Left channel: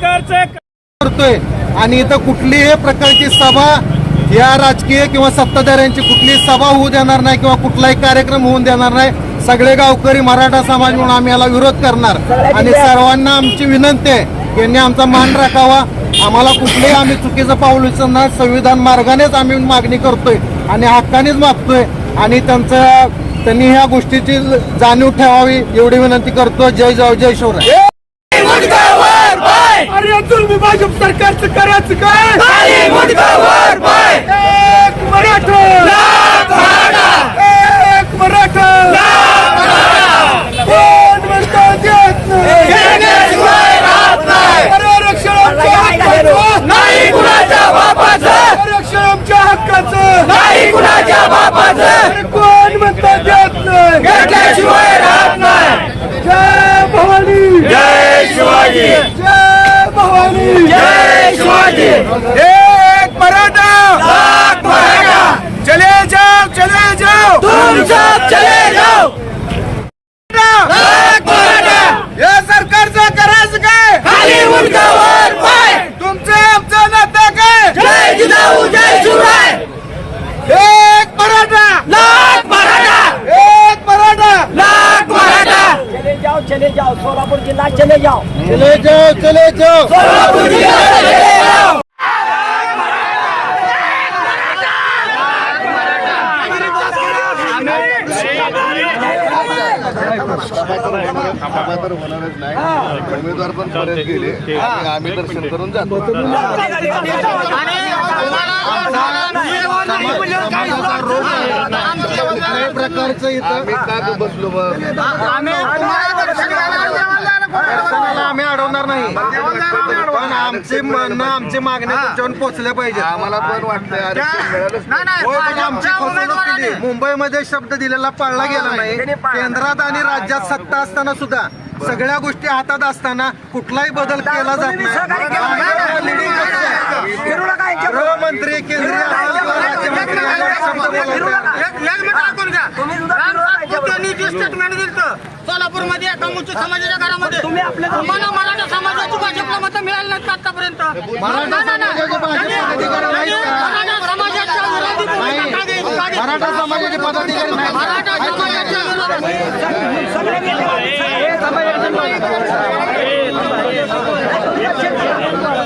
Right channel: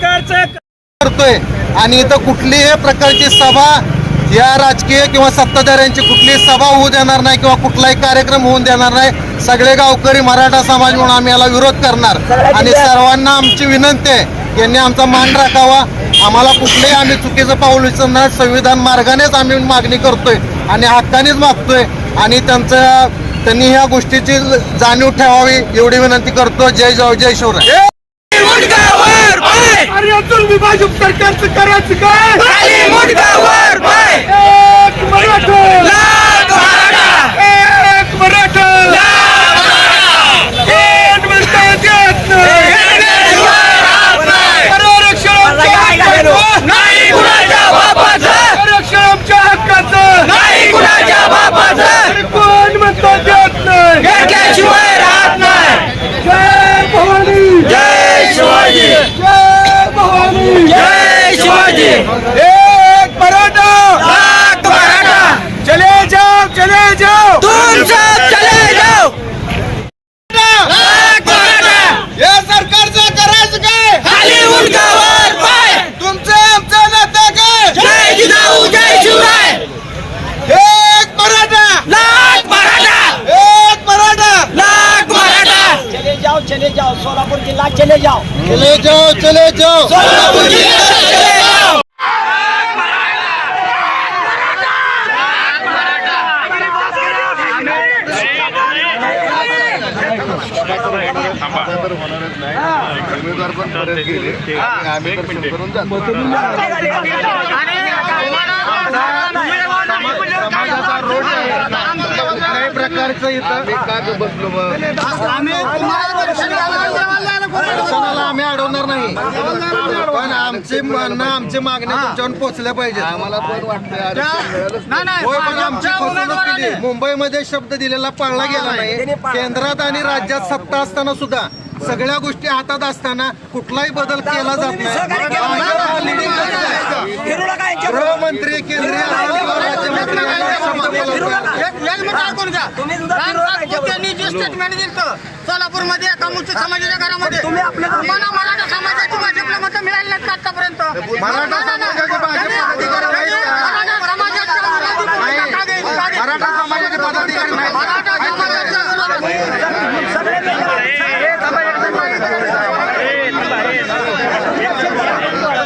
करतोय. आणि इथं कुठलीही प्रकारची सभा या राजकीय किंवा सत्ताधाऱ्यांची कुठलीही सभा होऊ देणार नाही किंवा कुठलाही कार्यक्रम होऊन देणार नाही. सगळे गावकरी मराठा समाज म्हणून आम्ही याला विरोध करणार. आणि सर्वांना आमची विनंती आहे त्यांनी आमचा मान राखावा. आम्हाला कुठलेही आम्ही चुकीचं पाऊल उचलणार संविधान मार्गानेच आम्ही मागणी करतोय आणि हक्कानेच मागतोय. आणि त्यांचं त्यांनी ह्या गोष्टीची जाणीव ठेवावी एवढी विनंती करतो. जय जय जय शिवराय. तुम्ही भाजप सरकारचं करायचं काय? खाली मुंडकावर पाय एक मराठा! लाख मराठा! एक मराठा! लाख मराठा! कोण म्हणता देत नाही? घेण्याशिवाय राहत नाही आरक्षण आमच्या हक्काचं! नाही कुणाच्या बापाचं! आरक्षण आमच्या हक्काचं! नाही कुणाच्या बापाचं! कोण म्हणता देत नाही? घेतल्याशिवाय राहत नाही! जय भवानी! जय शिवाजी जय भवानी जय शिवाजी एक मराठा लाख मराठा चले जाओ चले जाओ! तुम सब चले जाओ! लाख मराठा या सरकारचं करायचं काय? खाली मुंडकावर पाय तुमचं आमचं नातं काय? जय जिजाऊ जय शिवराय! एक मराठा लाख मराठा एक मराठा लाख मराठा चले जाओ चले जाओ सोलापुर जिला चले जाओ। चले जाओ चले जाओ। सोलापूर जिल्ह्यात होणारच नाही उमेदवार पण परत गेले. आम्ही दर्शन करून जातो. कुठल्याही प्रकारचं इथं आम्ही काय बसलो अडवणार नाही. पण आमची म्हणणं आमची मागणी तुमच्यावर पोहोचल्या पाहिजे आम्हाला पण पण आमची फसवणूक केली. मुंबईमध्ये शब्द दिलेला पाळला गेला नाही. केंद्रात आणि राज्यात सत्ता असताना सुद्धा सगळ्या गोष्टी हातात असताना कुठलाही बदल केला जात नाही. गृहमंत्री केंद्रीय असतील किंवा राज्यमंत्री यांना शब्द बोलतात. तुम्ही सुद्धा फिरू नका यांच्याबरोबर. स्टेटमेंट दिलं सोलापूरमध्ये एका समाजाच्या घरामध्ये मला मराठा समाजाची भाजपला मतं मिळाली नाहीत आतापर्यंत. मराठा समाजाच्या विरोधी भूमिका का दे- का दे- मराठा समाजाचे पदाधिकारी नाहीत का? मराठा समाजाचं सगळे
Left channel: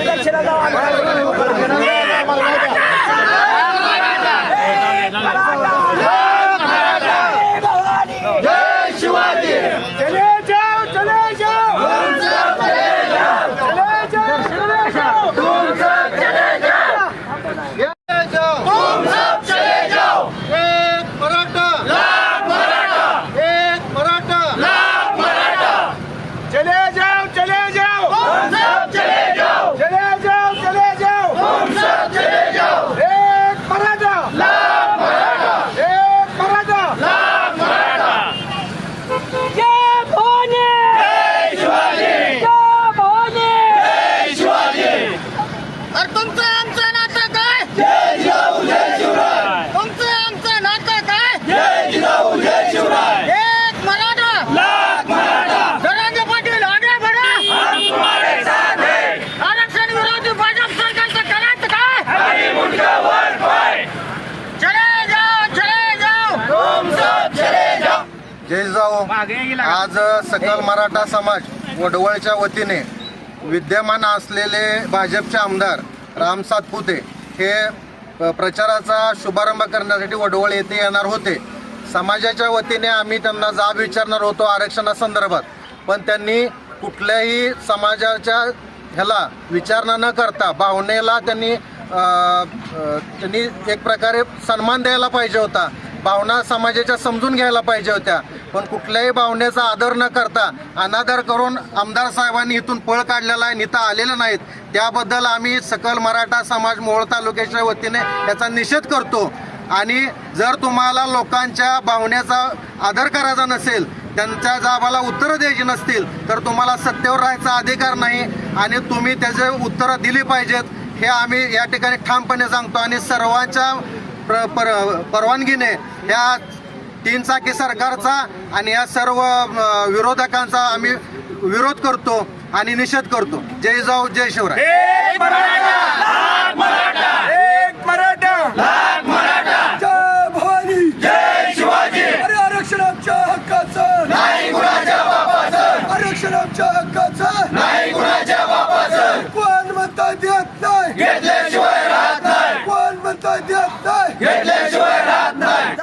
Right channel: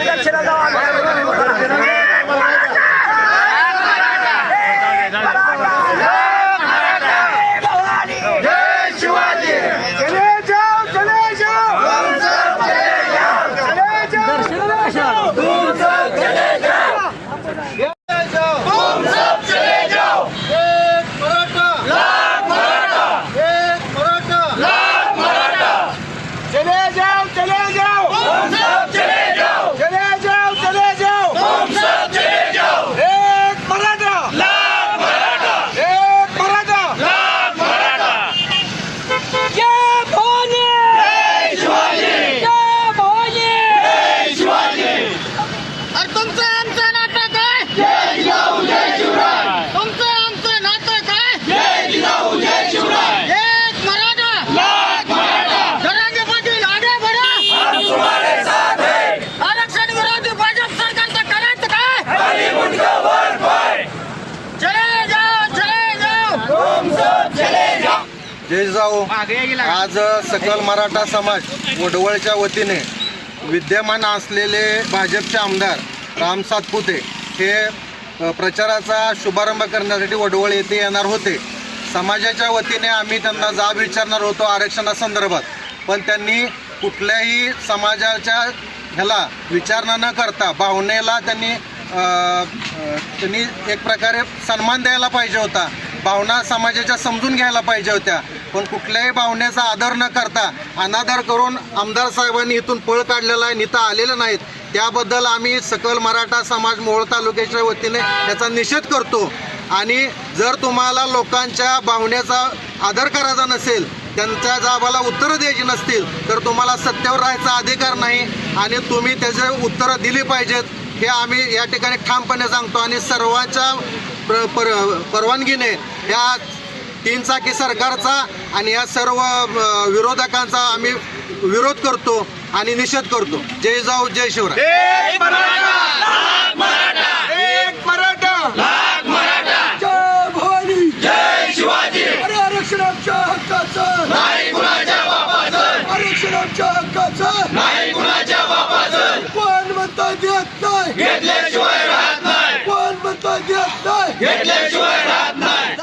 दक्षिणा जाऊ चले जाओ चले जाओ चले जाओ चले जाओ एक मराठा एक मराठा चले जाओ चले जाओ चले जाओ चले जाओ एक मराठा एक मराठा जय भवानी जय भवानी अरे तुमचं आमचं नातं काय तुमचं आमचं नातं काय एक मराठा जरांगे पाटील आगे बढा आरक्षण विरोधी भाजप सरकारचं करायचं काय चले जाओ चले जाओ जय जाऊ. आज सकल मराठा समाज वडवळच्या वतीने विद्यमान असलेले भाजपचे आमदार राम सातपुते हे प्रचाराचा शुभारंभ करण्यासाठी वडवळ येथे येणार होते. समाजाच्या वतीने आम्ही त्यांना जाब विचारणार होतो आरक्षणासंदर्भात. पण त्यांनी कुठल्याही समाजाच्या ह्याला विचारणा न करता भावनेला त्यांनी त्यांनी एक प्रकारे सन्मान द्यायला पाहिजे होता. भावना समाजाच्या समजून घ्यायला पाहिजे होत्या. पण कुठल्याही भावनेचा आदर न करता अनादर करून आमदार साहेबांनी इथून पळ काढलेला आहे इथं आलेलं नाहीत. त्याबद्दल आम्ही सकल मराठा समाज मोहोळ तालुक्याच्या वतीने याचा निषेध करतो. आणि जर तुम्हाला लोकांच्या भावनेचा आदर करायचा नसेल त्यांच्या जाबाला उत्तरं द्यायची नसतील तर तुम्हाला सत्तेवर राहायचा अधिकार नाही. आणि तुम्ही त्याचे उत्तरं दिली पाहिजेत हे आम्ही या ठिकाणी ठामपणे सांगतो. आणि सर्वांच्या प्र पर परवानगीने ह्या तीन चाकी सरकारचा आणि या सर्व विरोधकांचा आम्ही विरोध करतो आणि निषेध करतो. जय जाऊ जय शिवराय एक मराठा जय भवानी जय शिवाजी अरे आरक्षणाच्या हक्काचं नाही कुणाच्या बापाचं आरक्षणाच्या हक्काचं नाही कुणाच्या बापाचं कोण म्हणता देत नाही घेतल्याशिवाय राहत नाही कोण म्हणता देत नाही घेतल्याशिवाय राहत नाही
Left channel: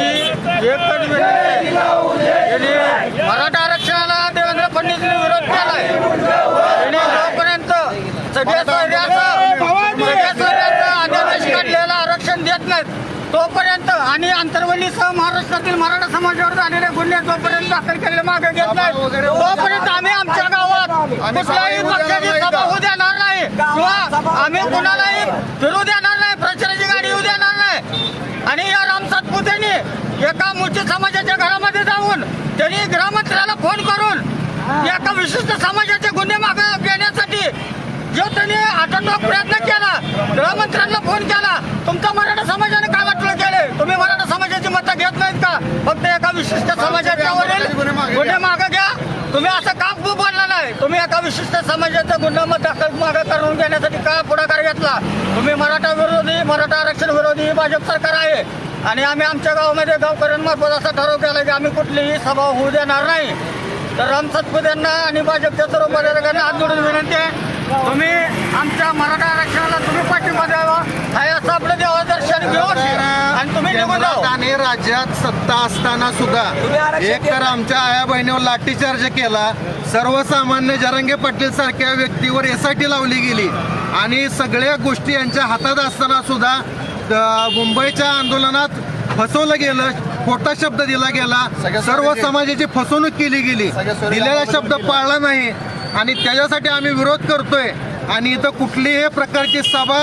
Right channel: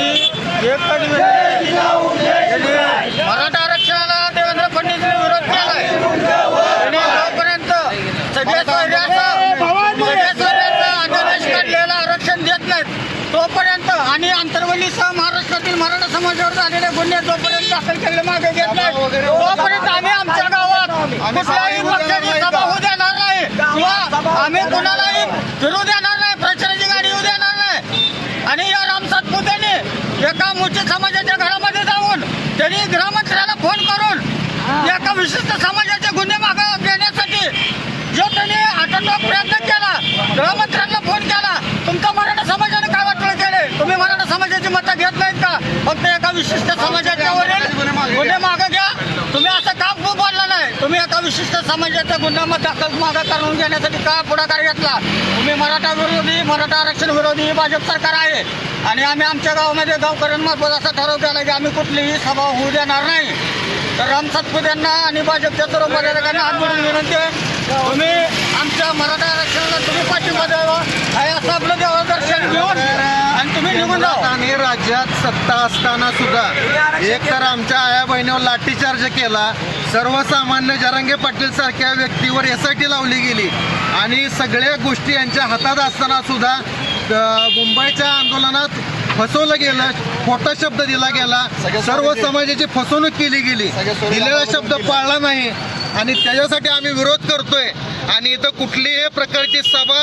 आमची एकच विनंती आहे. त्यांनी मराठा आरक्षणाला देवेंद्र फडणवीसने विरोध केलाय. त्यांनी जोपर्यंत सगळ्या काढलेलं आरक्षण देत नाहीत. तोपर्यंत आणि आंतरवलीसह महाराष्ट्रातील मराठा समाजावर झालेले गुन्हे जोपर्यंत दाखल केलेले मागे घेत नाही तोपर्यंत आम्ही आमच्या गावात कुठल्याही पक्षाची सभा होऊ देणार नाही. किंवा आम्ही कुणालाही फिरू देणार नाही प्रचाराची गाडी येऊ देणार नाही आणि या राम सातपुतेने एका मोठ्या समाजाच्या घरामध्ये जाऊन त्यांनी गृहमंत्र्याला फोन करून एका विशिष्ट समाजाचे गुन्हे मागे घेण्यासाठी जो त्यांनी आटोटाक प्रयत्न केला गृहमंत्र्यांना फोन केला तुमचा मराठा समाजाने काय वाटलं केले तुम्ही मराठा समाजाची मतं घेत नाहीत का? फक्त एका विशिष्ट समाजाच्या वरील गुन्हे मागे घ्या. तुम्ही असं का बोलला नाही? तुम्ही एका विशिष्ट समाजाच्या गुन्ह्यामध्ये दाखल मागे करून घेण्यासाठी काय पुढाकार घेतला? तुम्ही मराठा विरोधी मराठा आरक्षण विरोधी ही भाजप सरकार आहे. आणि आम्ही आमच्या गावामध्ये गावकऱ्यांमार्फत असं ठरव केलं की आम्ही कुठलीही सभा होऊ देणार नाही. तर राम सातपुते यांना आणि भाजपच्या सर्व पदाधिकाऱ्यांना हात जोडून विनंती आहे. तुम्ही आमच्या मराठा आरक्षणाला तुम्ही पाठिंबा द्यावा. हे असं आपलं देवा दर्शन घेऊन आणि तुम्ही निघून जावा. आणि राज्यात सत्ता असताना सुद्धा एक तर आमच्या आया बहिणीवर लाठीचार्ज केला. सर्वसामान्य जरांगे पाटील सारख्या व्यक्तीवर एस आय टी लावली गेली. आणि सगळ्या गोष्टी यांच्या हातात असताना सुद्धा मुंबईच्या आंदोलनात फसवलं गेलं खोटा शब्द दिला गेला. सर्व समाजाची फसवणूक केली गेली. दिलेला शब्द. पाळला नाही. आणि त्याच्यासाठी आम्ही विरोध करतोय. आणि इथं कुठलीही प्रकारची सभा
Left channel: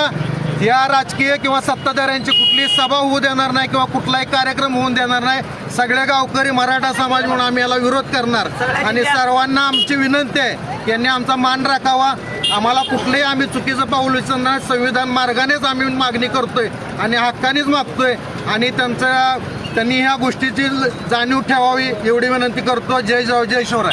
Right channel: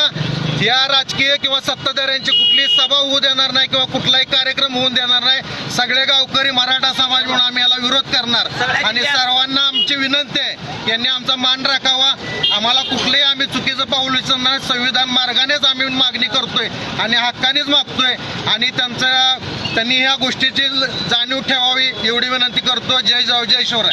या राजकीय किंवा सत्ताधाऱ्यांची कुठलीही सभा होऊ देणार नाही किंवा कुठलाही कार्यक्रम होऊन देणार नाही सगळे गावकरी मराठा समाज म्हणून आम्ही याला विरोध करणार. आणि सर्वांना आमची विनंती आहे यांनी आमचा मान राखावा. आम्हाला कुठलेही आम्ही चुकीचं पाऊल उचलणार संविधान मार्गानेच आम्ही मागणी करतोय आणि हक्कानेच मागतोय. आणि त्यांचा त्यांनी ह्या गोष्टीची जाणीव ठेवावी एवढी विनंती करतो. जय जाऊ जय शिवराय.